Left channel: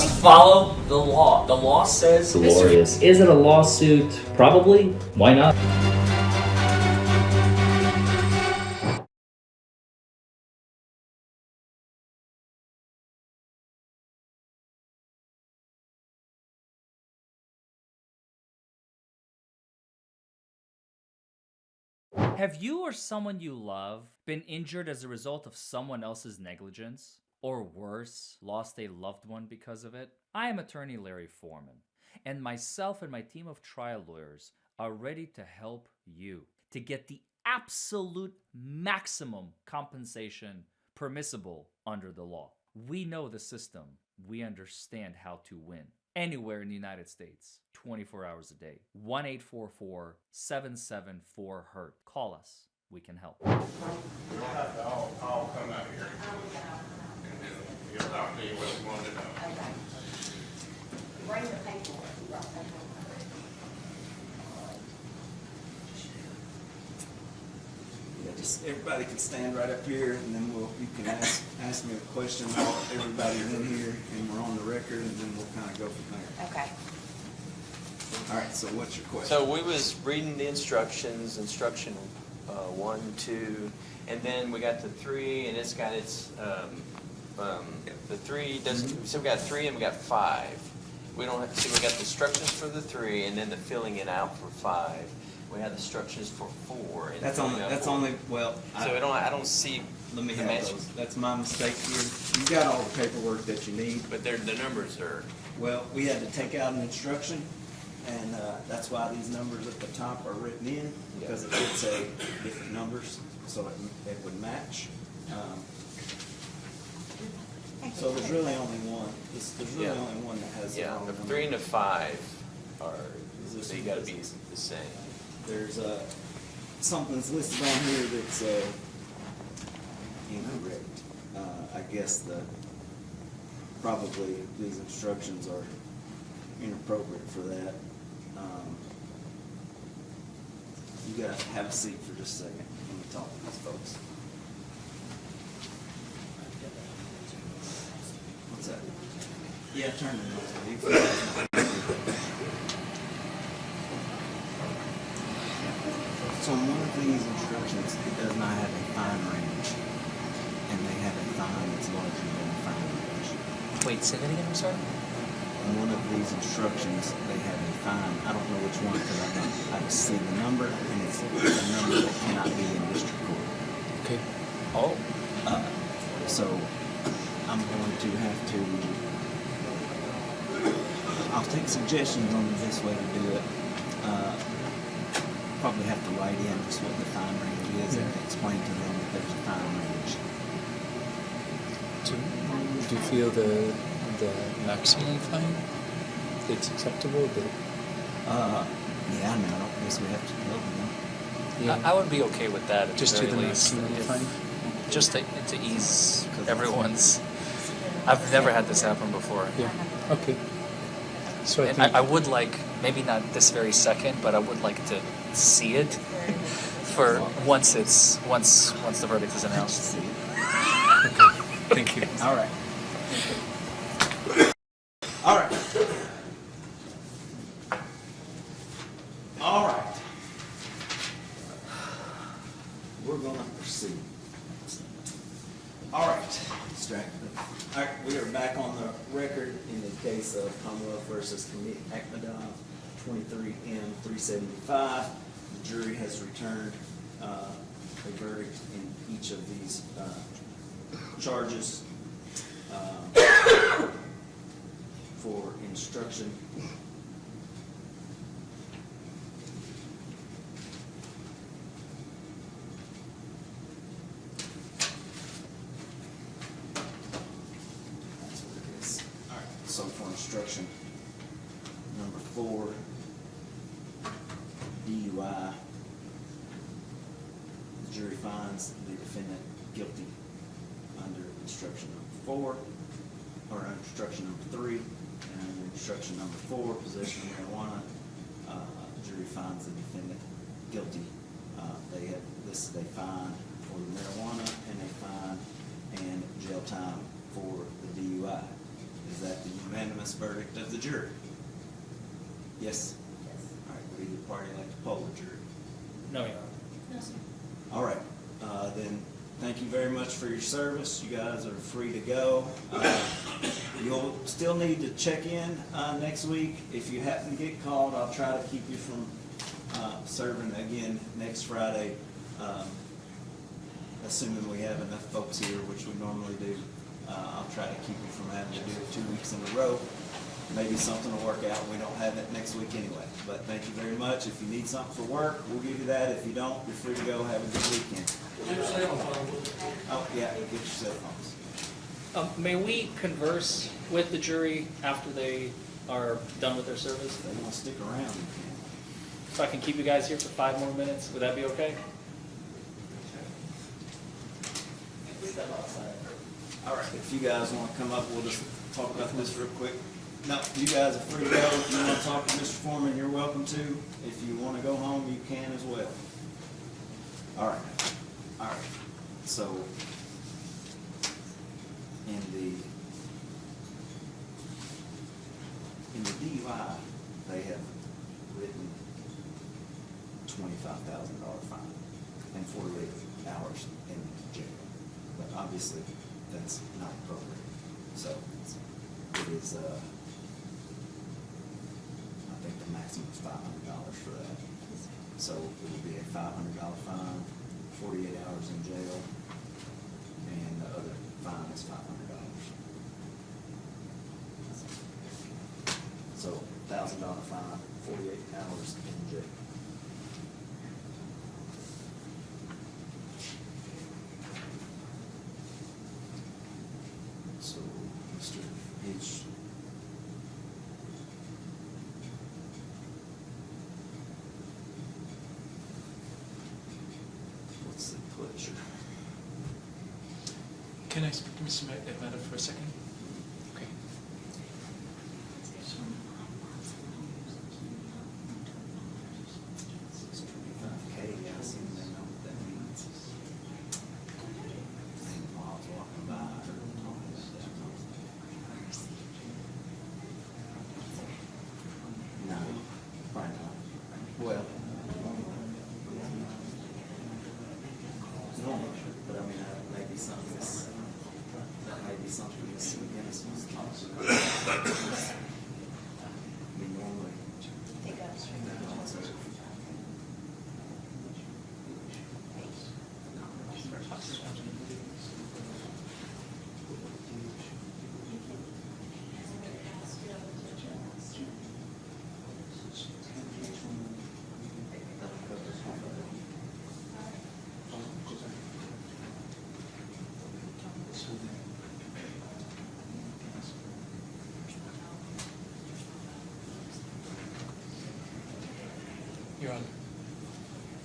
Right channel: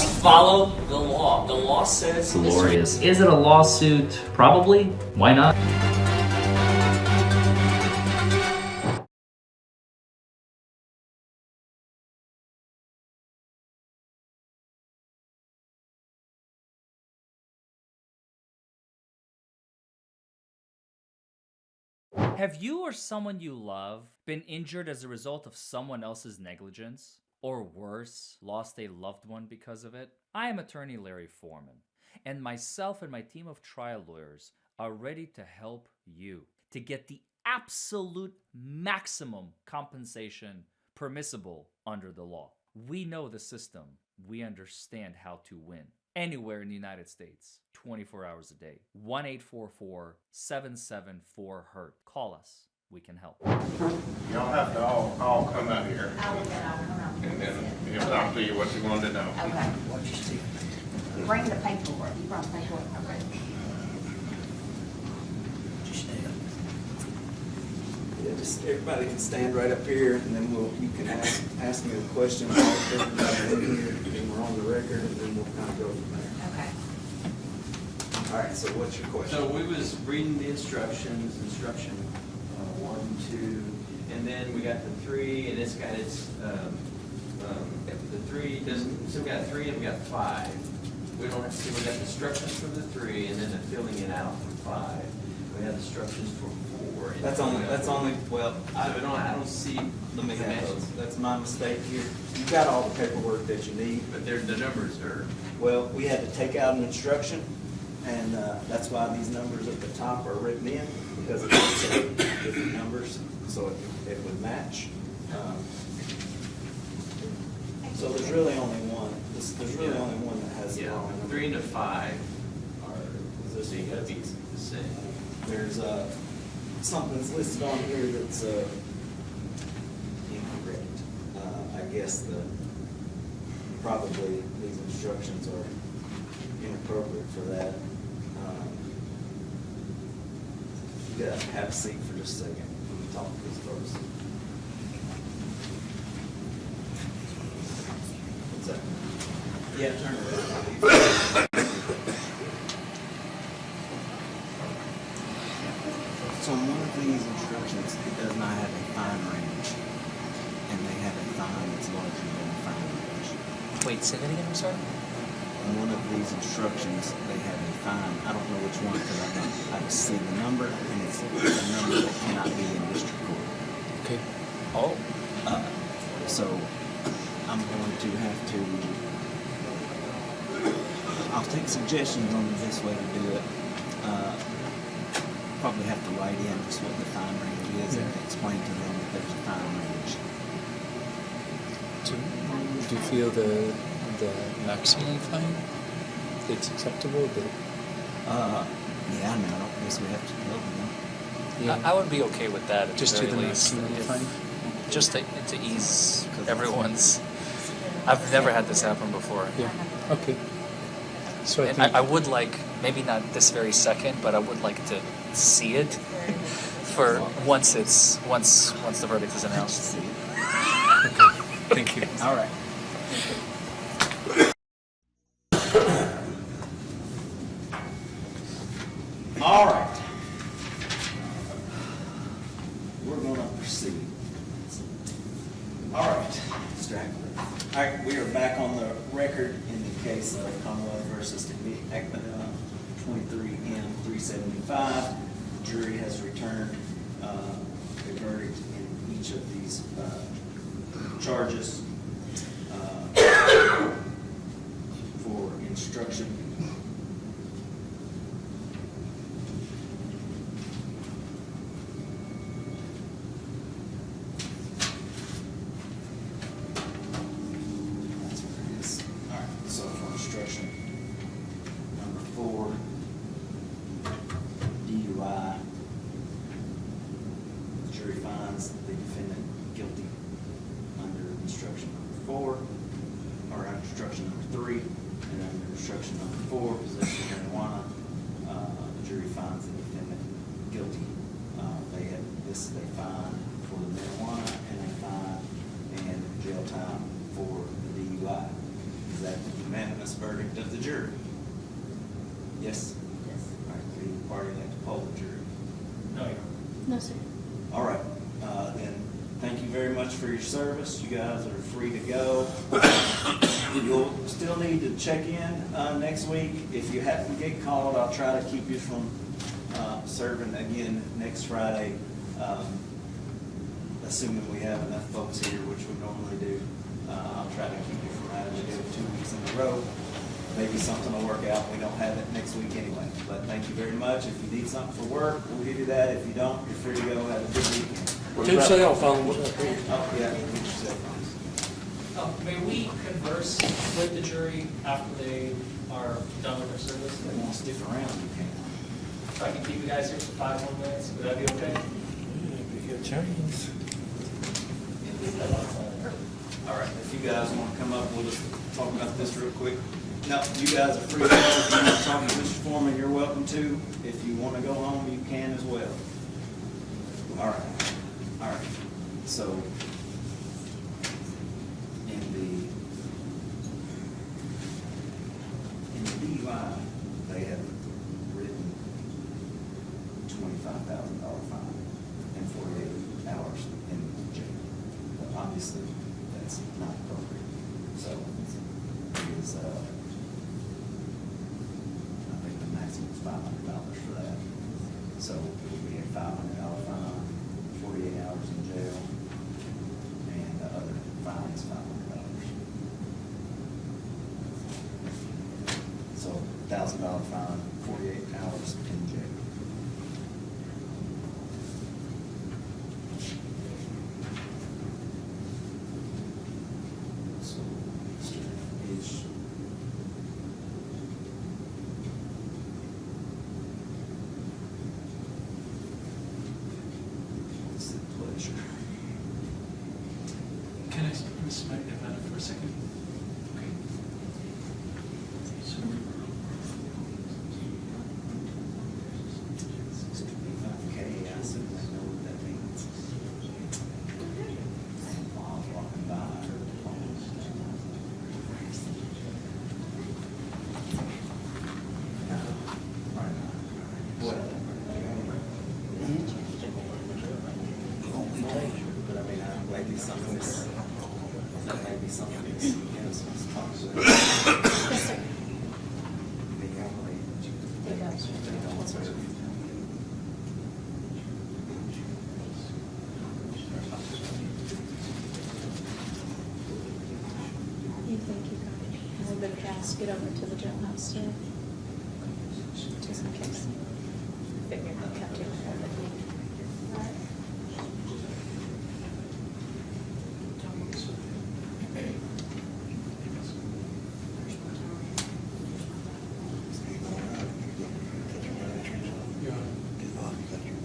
must follow the law. The law says... Glorious. Is it a lawsuit? Probably. Why not? Have you or someone you love been injured as a result of someone else's negligence? Or worse, lost a loved one because of it? I am attorney Larry Forman, and myself and my team of trial lawyers are ready to help you to get the absolute maximum compensation permissible under the law. We know the system. We understand how to win. Anywhere in the United States, 24 hours a day. 1-844-774-HURT. Call us. We can help. Y'all have to all come out here. And then he'll talk to you what you want to know. Okay. Bring the paperwork. You brought the paperwork. Yeah, just everybody can stand right up here, and then you can ask me a question about everybody in here, and we're on the record, and then we'll kind of go from there. Okay. All right, so what's your question? So we was reading the instructions, instruction 1, 2, and then we got the 3, and it's got its, the 3 doesn't, so we got 3 and we got 5. We don't have, see, we got the instructions for the 3, and then the filling it out for 5. We have the instructions for 4. And That's only, well, so I don't see. let me the have matches. those. That's my mistake here. You've got all the paperwork that you need. But the numbers are. Well, we had to take out an instruction, and that's why these numbers at the top are written in, because it would say different numbers, so it would match. So there's really only one. There's really only one that has the wrong number. 3 and the 5 are, Is so you gotta be the same. There's something's listed on here that's incorrect. I guess probably these instructions are inappropriate for that. You gotta have a seat for just a second. Let me talk to these folks. What's that? Yeah, turn it over. So on one of these instructions, it does not have a fine range, and they have a fine that's larger than the fine range. Wait, say that again, I'm sorry? On one of these instructions, they have a fine. I don't know which one because I just see the number, and it's a number that cannot be in district court. Okay. Oh. So I'm going to have to. I'll take suggestions on the best way to do it. Probably have to write in just what the fine range is and explain to them that there's a fine range. Do you feel the maximum fine that's acceptable? Yeah, no, I don't guess we have to tell them. Yeah. I would be okay with that at Just the to very the least. maximum fine? Just to ease everyone's... I've never had this happen before. Yeah. Okay. So I And think I would like, maybe not this very second, but I would like to see it for once the verdict is announced. thank you. All right. All right. All right. We're going to proceed. All right. Distracted. All right, we are back on the record in the case of Commonwealth versus Akmadon 23M375. The jury has returned a verdict in each of these charges for instruction. That's what it is. All right, so for instruction number 4, DUI, the jury finds the defendant guilty under instruction number 4, or instruction number 3, and under instruction number 4, possession of marijuana, the jury finds the defendant guilty. They have listed a fine for the marijuana and a fine and jail time for the DUI. Is that unanimous? unanimous verdict of the jury? Yes? All right, would any party like to poll the jury? No, Your Honor. No, sir. All right, then, thank you very much for your service. You guys are free to go. You'll still need to check in next week. If you happen to get called, I'll try to keep you from serving again next Friday, assuming we have enough folks here, which we normally do. I'll try to keep you from having to do it 2 weeks in a row. Maybe something will work out. We don't have it next week anyway. But thank you very much. If you need something for work, we'll give you that. If you don't, you're free to go. Have a good weekend. Two cell phones. Oh, yeah, get your cell phones. May we converse with the jury after they are done with their service? If they want to stick around, you can. If I could keep you guys here for 5 more minutes, would that be okay? All right, if you guys want to come up, we'll just talk about this real quick. No, you guys are free to go. If you want to talk to Mr. Forman, you're welcome to. If you want to go home, you can as well. All right. So, in the DUI, they have written $25,000 fine and 48 hours in jail. But obviously, that's not appropriate. So, it is, I think the maximum is $500 for that. So it will be a $500 fine, 48 hours in jail, and the other fine is $500. So $1,000 fine, 48 hours in jail. So, Mr. Beach. What's the pleasure? Can I speak to Mr. McNamara for a second? Okay. So, 25K, I assume they know what that means. And while I was walking by, I heard the tones. No, right now. Well. But I mean, maybe something is, that may be something that's innocent. Normally, Take it up. You think you can, anybody else get over to the jailhouse too? Just in case. Figure they'll have to report it. Your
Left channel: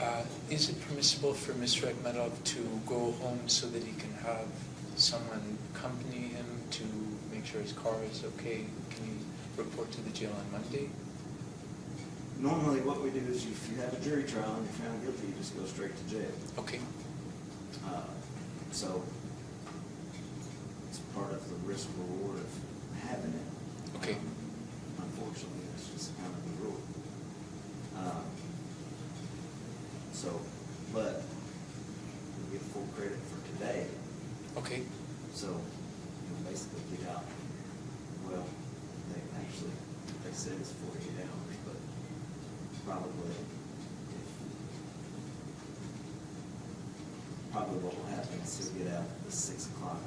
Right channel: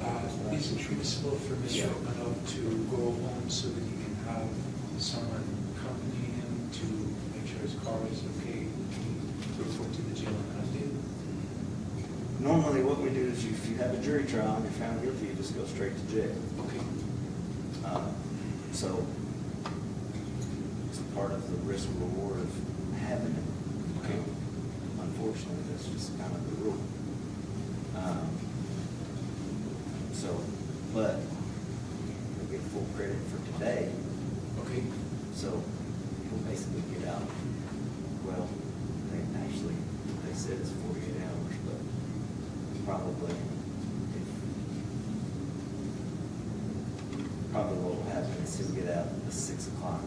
Honor, is it permissible for Mr. Akhmedov to go home so that he can have someone accompany him to make sure his car is okay? Can you report to the jail on Monday? Normally, what we do is if you have a jury trial and you're found guilty, you just go straight to jail. Okay. So it's part of the risk reward of having it. Okay. Unfortunately, that's just kind of the rule. But you'll get full credit for today. Okay. So you'll basically get out, well, they said it's 48 hours, but probably what will happen is he'll get out at 6 o'clock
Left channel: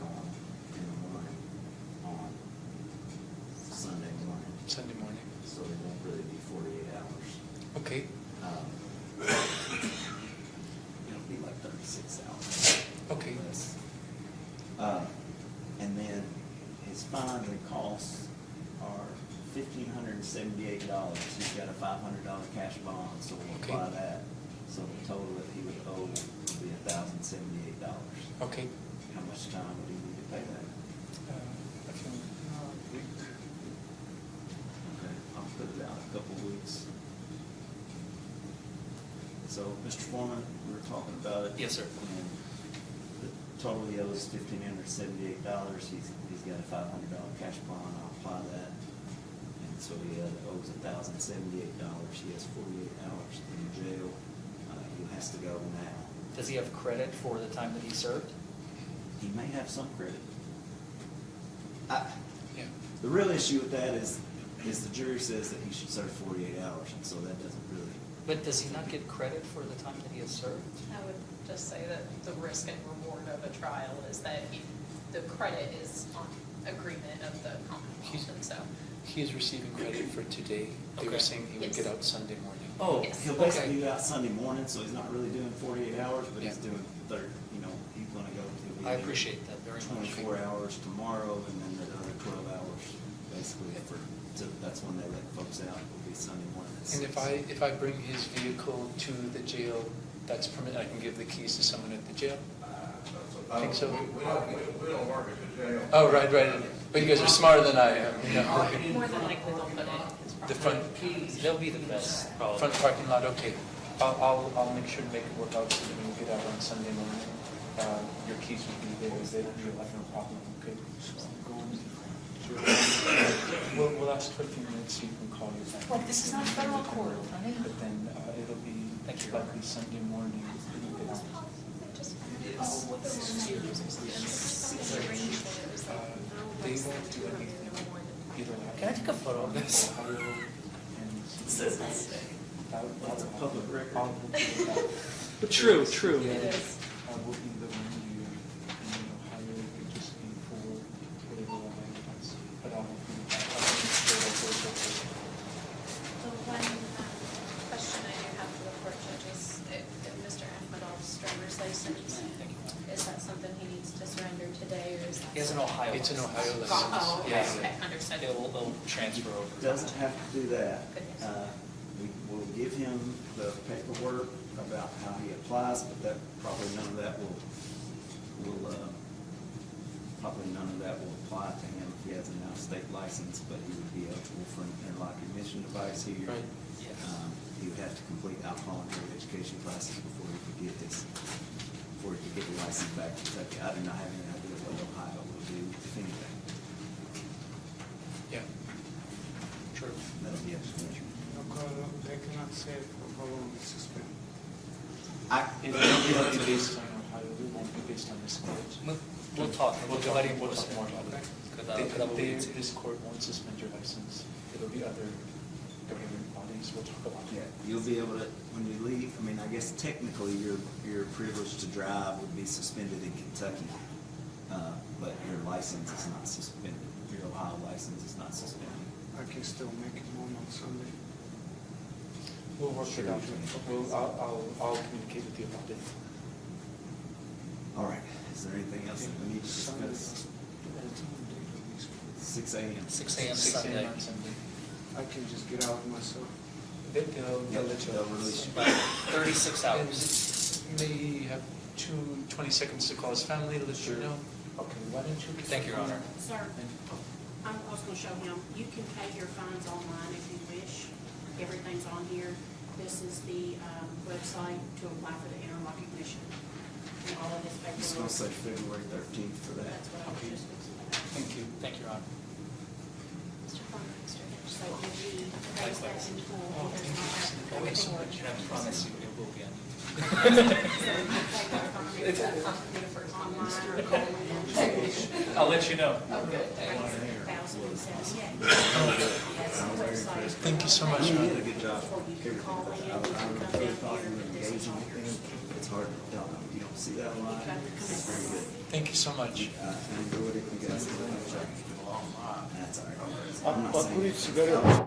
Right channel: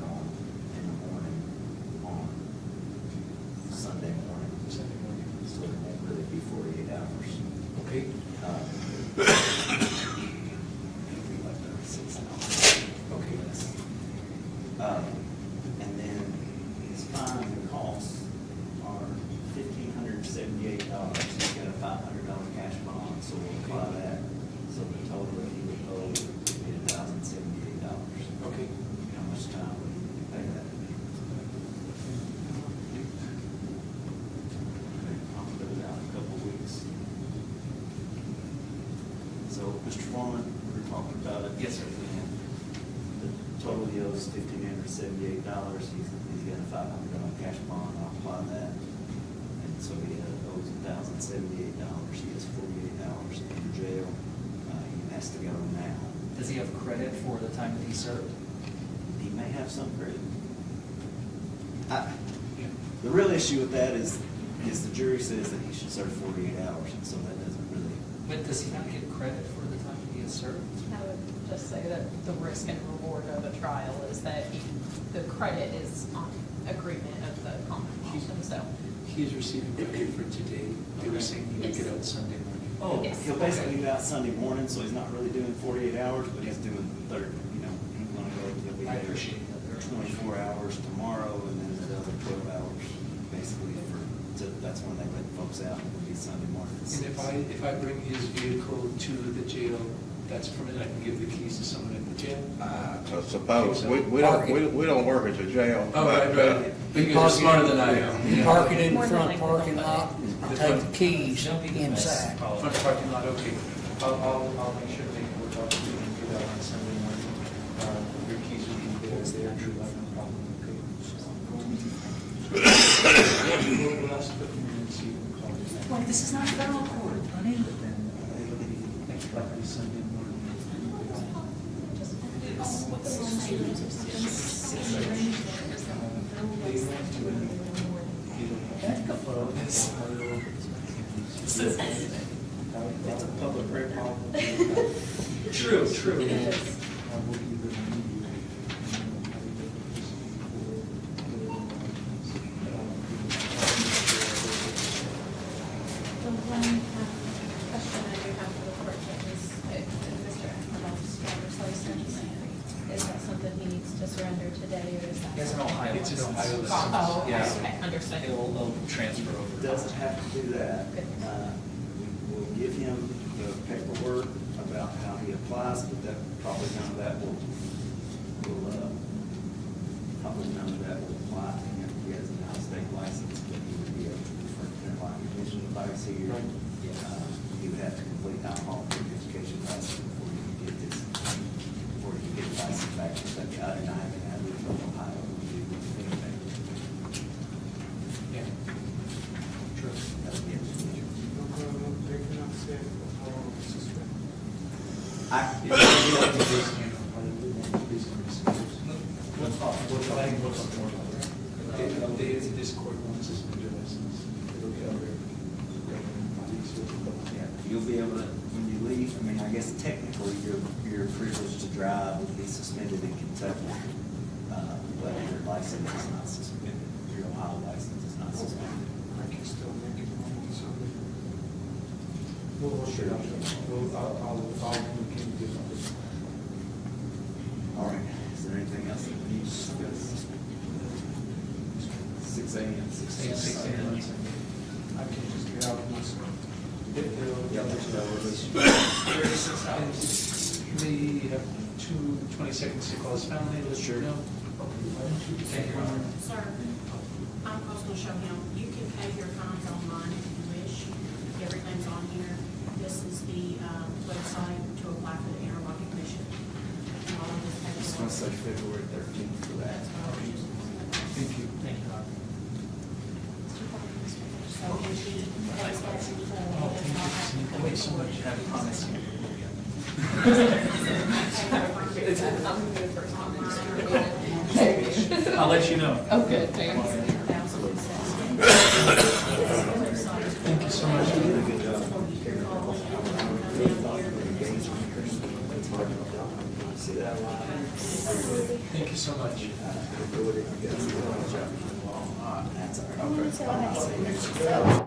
in the morning on Sunday morning. Sunday morning. So it won't really be 48 hours. Okay. It'll be like 36 hours. Okay. And then his fine and costs are $1,578. He's got a $500 cash bond, so we'll Okay. apply that. So the total that he would owe would be $1,078. Okay. How much time would he need to pay that? Okay, I'll put it out a couple of weeks. So, Mr. Forman, we were talking about it. Yes, sir. The total he owes $1,578. He's got a $500 cash bond. I'll apply that. so he owes $1,078. He has 48 hours in jail. He has to go now. Does he have credit for the time that he served? He may have some credit. Yeah. The real issue with that is the jury says that he should serve 48 hours, and so that doesn't really. But does he not get credit for the time that he has served? I would just say that the risk and reward of a trial is that the credit is on agreement of the compensation, so. He's receiving credit for today. They were Okay. saying he would Yes. get out Sunday morning. Oh, Yes. He'll basically be out Sunday morning, so he's not really doing 48 hours, but he's Yeah. doing he's gonna go, he'll be I there appreciate that very much. 24 hours tomorrow, and then another 12 hours, basically, that's when they let folks out, it'll be Sunday morning. at And 6. if I bring his vehicle to the jail, that's permitted, I can give the keys to someone at the jail? So suppose, we don't work at the jail. Oh, right. But you guys are smarter than I am. Yeah. Parking in More than front likely parking they'll lot, put it. take the keys They'll be the best, inside. probably. Front parking lot, okay. I'll make sure they can work out so you can get out on Sunday morning. Your keys will be there, you'll have no problem, okay? We'll ask for you and see if we can call you. Well, this is not federal court, honey. But then it'll be likely Sunday morning. They want to either have. Take a photo of this. That's a public record. True. So one question I do have for the court judges, if Mr. Akhmedov's driver's license, is that something he needs to surrender today, or is that? He has an Ohio It's an license. Ohio Oh, license, okay, yes. okay, understood. It'll transfer over. Doesn't have to do that. We'll give him the paperwork about how he applies, but that, probably none of that will apply to him if he has an out-of-state license, but he would be able to, for like emission device here. Right. He would have to complete alcohol and education classes before he could get his license back. Because I do not have any idea what Ohio will do, if anything. Yeah. True. That would be up to you. I cannot say how long this is for. It will be based on Ohio, it won't be based on this court. We'll talk. I think we'll talk more about that. Because This court won't suspend your license. It'll be other government bodies which will go on. Yeah, you'll be able to, when you leave, I mean, I guess technically your privilege to drive would be suspended in Kentucky, but your license is not suspended. Your Ohio license is not suspended. I can still make it home on Sunday. We'll work it out. I'll communicate with you about it. All right, is there anything else that we need to discuss? 6 a.m. 6 a.m. 6 Sunday. a.m. Sunday. I can just get out myself. Yeah, they'll release you. 36 hours. And they have 20 seconds to call his family, let you know. Okay, why don't you? Thank you, Your Honor. Sir, I was going to show him, you can pay your fines online if you wish. Everything's on here. This is the website to apply for the interlocking commission. All of this I was going to say February 13th for that. That's what I was just. Thank you. Thank you, Your Honor. Mr. Parker, Mr. Judge. So if he pays that in full. Oh, thank you. Thank you so much. You have a promise. I'm gonna be the first one. I'll let you know. Oh, good, thanks. Thank you so much. You did a good job. It's hard to see that a lot. Thank you so much. I enjoyed it. You guys did a good job. That's all right. I'm not saying